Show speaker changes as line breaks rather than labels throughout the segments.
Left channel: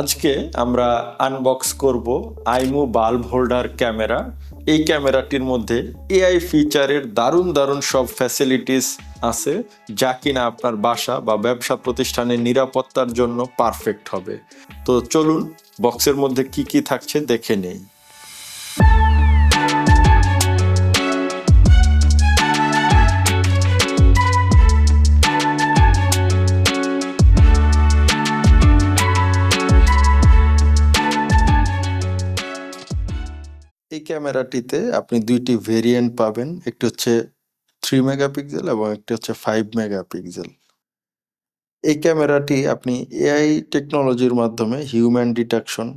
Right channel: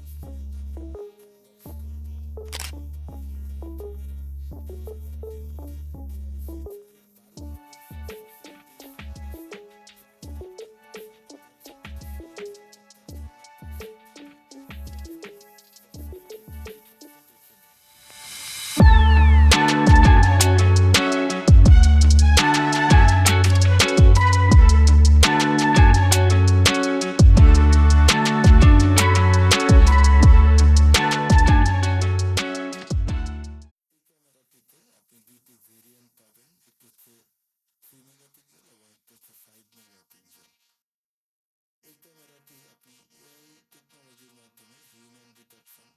আজকে আমরা আনবক্স করব আইমু বাল্ব হোল্ডার ক্যামেরা এই ক্যামেরাটির মধ্যে এআই ফিচারের দারুণ দারুণ সব ফ্যাসিলিটিস আছে, যা কিনা আপনার বাসা বা ব্যবসা প্রতিষ্ঠানের নিরাপত্তার জন্য পারফেক্ট হবে। তো চলুন বক্সের মধ্যে কি কি থাকছে দেখে নেই। ক্যামেরাটিতে আপনি দুইটি ভেরিয়েন্ট পাবেন। একটি হচ্ছে থ্রি মেগাপিক্সেল এবং একটি হচ্ছে ফাইভ মেগাপিক্সেল এই ক্যামেরাটি আপনি এআই টেকনোলজির মাধ্যমে হিউম্যান ডিটেকশন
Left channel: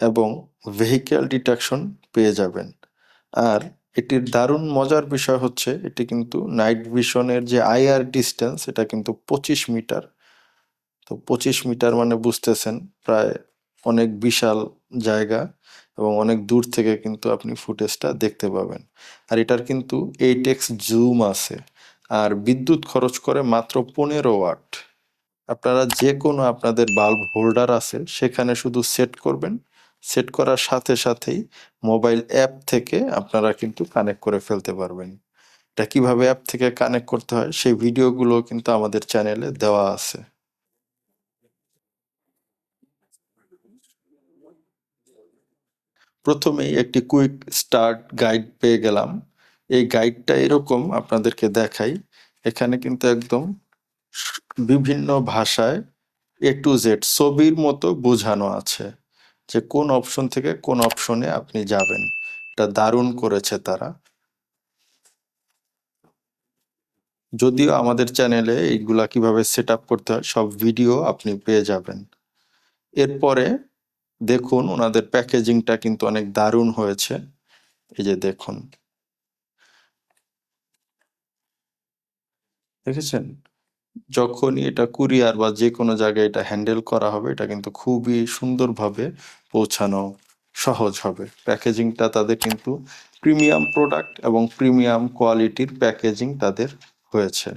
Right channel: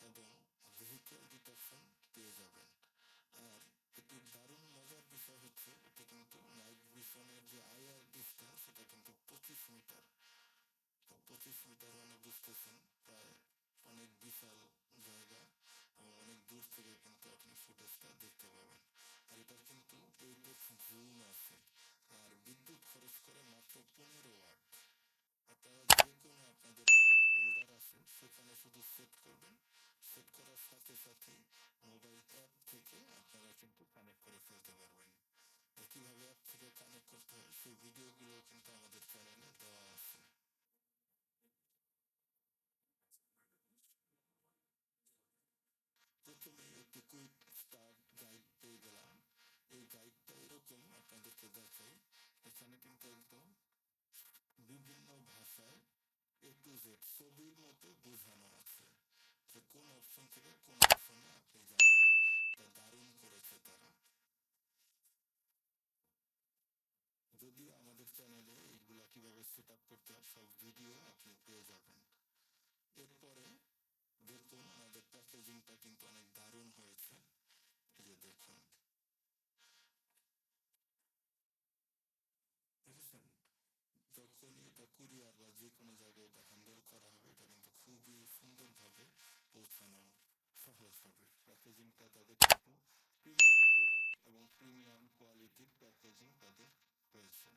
এবং ভেহিক্যাল ডিটেকশন পেয়ে যাবেন। আর এটির দারুণ মজার বিষয় হচ্ছে, এটি কিন্তু নাইট ভিশনের যে আইআর ডিস্টেন্স এটা কিন্তু পঁচিশ মিটার। তো পঁচিশ মিটার মানে বুঝতেছেন, প্রায় অনেক বিশাল জায়গা। এবং অনেক দূর থেকে কিন্তু আপনি ফুটেজটা দেখতে পাবেন। আর এটার কিন্তু এইট এক্স জুম আছে। আর বিদ্যুৎ খরচ করে মাত্র পনেরো ওয়াট। আপনারা যে কোনো আপনাদের বাল্ব হোল্ডার আছে, সেখানে শুধু সেট করবেন। সেট করার সাথে সাথেই মোবাইল অ্যাপ থেকে আপনারা কিন্তু কানেক্ট করে ফেলতে পারবেন। এটা কীভাবে অ্যাপ থেকে কানেক্ট করতে হয়, সেই ভিডিওগুলো কিন্তু আমাদের চ্যানেলে দেওয়া আছে। প্রথমেই একটি কুইক স্টার্ট গাইড পেয়ে গেলাম। এই গাইডটা এরকম আপনাদেরকে দেখাই। এখানে কিন্তু একদম বিভিন্ন ভাষায় এ টু জেড ছবির মতো বোঝানো আছে যে কোন অপশন থেকে কোন অপশনে আপনি যাবেন। এটা দারুণ করেছে তারা। যদিও আমাদের চ্যানেলে এইগুলা কীভাবে সেট করতে হয় সব ভিডিও আপনি পেয়ে যাবেন। এরপরে দেখুন, ওনাদের প্যাকেজিংটা কিন্তু অনেক দারুণ হয়েছে। এই যে দেখুন। দেখেছেন? যখনই এটা কুরিয়ার বা যে কোনো জায়গায় এটা হ্যান্ডেল করা হবে, এটা কিন্তু খুবই সুন্দরভাবে পৌঁছানো সহজ হবে। প্যাকেজিংটা তাদের কিন্তু প্রিমিয়াম প্রোডাক্ট এবং প্রিমিয়াম কোয়ালিটির প্যাকেজিং তাদের হয়েছে।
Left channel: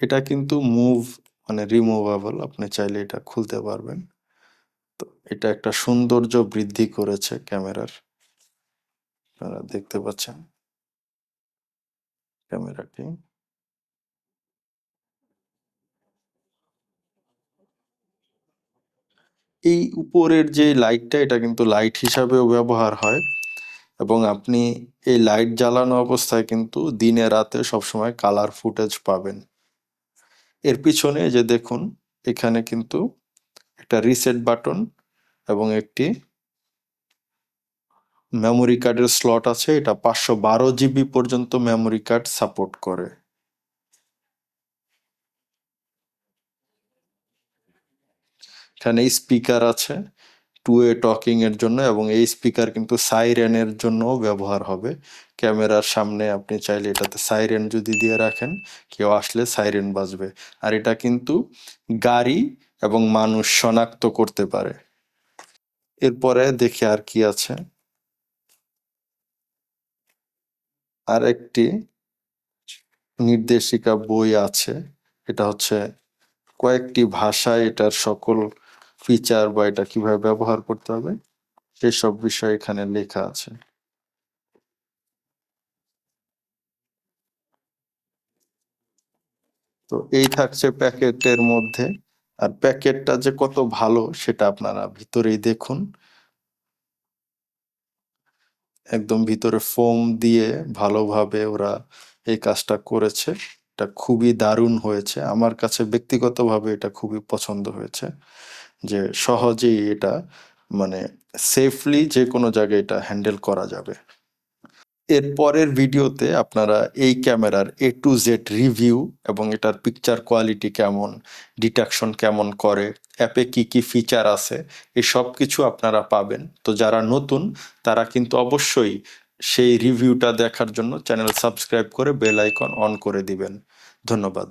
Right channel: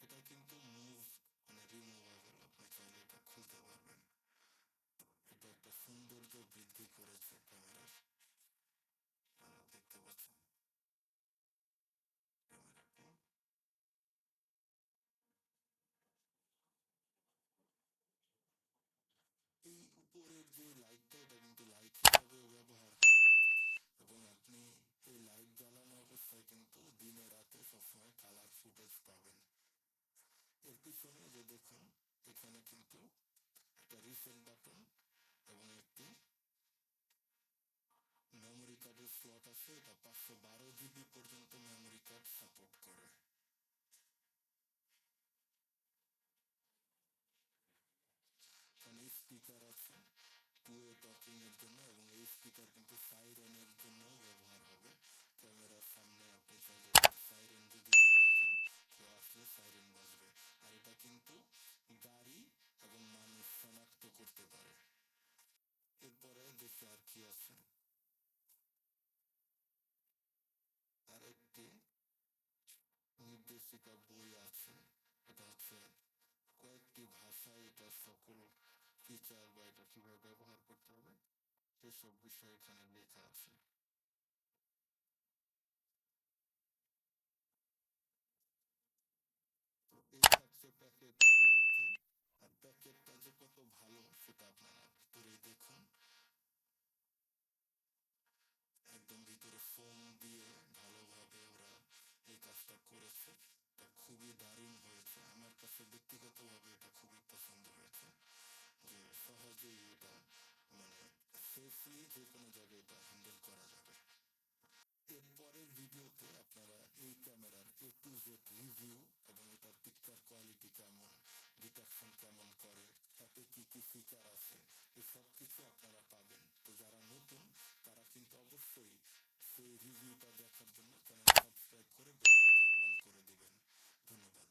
এটা কিন্তু মুভ মানে রিমুভেবল আপনি চাইলে এটা খুলতে পারবেন। তো এটা একটা সৌন্দর্য বৃদ্ধি করেছে ক্যামেরার। আপনারা দেখতে পাচ্ছেন। ক্যামেরাটি। এই উপরের যে লাইটটা এটা কিন্তু লাইট হিসাবেও ব্যবহার হয় এবং আপনি এই লাইট জ্বালানো অবস্থায় কিন্তু দিনে রাতে সবসময় কালার ফুটেজ পাবেন। এর পিছনে যে দেখুন, এখানে কিন্তু একটা রিসেট বাটন এবং একটি মেমোরি কার্ডের স্লট আছে। এটা পাঁচশো বারো জিবি পর্যন্ত মেমোরি কার্ড সাপোর্ট করে। এখানে স্পিকার আছে। টু এ টকিং এর জন্য এবং এই স্পিকার কিন্তু সাইরেনের জন্যও ব্যবহার হবে। ক্যামেরার সামনে আপনি চাইলে এটাতে সাইরেন যদি দিয়ে রাখেন, কেউ আসলে সাইরেন বাজবে। আর এটা কিন্তু গাড়ি এবং মানুষ শনাক্ত করতে পারে। এরপরে দেখি আর কি আছে। আর একটি নির্দেশিকা বই আছে। এটা হচ্ছে কয়েকটি ভাষায় এটার সকল ফিচার বা এটা কীভাবে ব্যবহার করতে হবে, সেসব বিষয় এখানে লেখা আছে। তো এই থাকছে প্যাকেটের মধ্যে, আর প্যাকেটটা যে কত ভালো সেটা আপনারা ভিতরেই দেখুন। একদম ভিতরে ফোম দিয়ে ভালোভাবে ওরা এই কাজটা করেছে। এটা খুবই দারুণ হয়েছে। আমার কাছে ব্যক্তিগতভাবে এটা খুবই পছন্দ হয়েছে। যে সহজেই এটা মানে সেফলি যে কোনো জায়গায় এটা হ্যান্ডেল করা যাবে। এর পরের ভিডিওতে আপনারা এই ক্যামেরার এ টু জেড রিভিউ এবং এটার পিকচার কোয়ালিটি কেমন ডিটাকশন কেমন করে অ্যাপে কি কি ফিচার আছে, এই সব কিছু আপনারা পাবেন। তো যারা নতুন, তারা কিন্তু অবশ্যই সেই রিভিউটা দেখার জন্য চ্যানেল সাবস্ক্রাইব করে বেল আইকন অন করে দিবেন। ধন্যবাদ।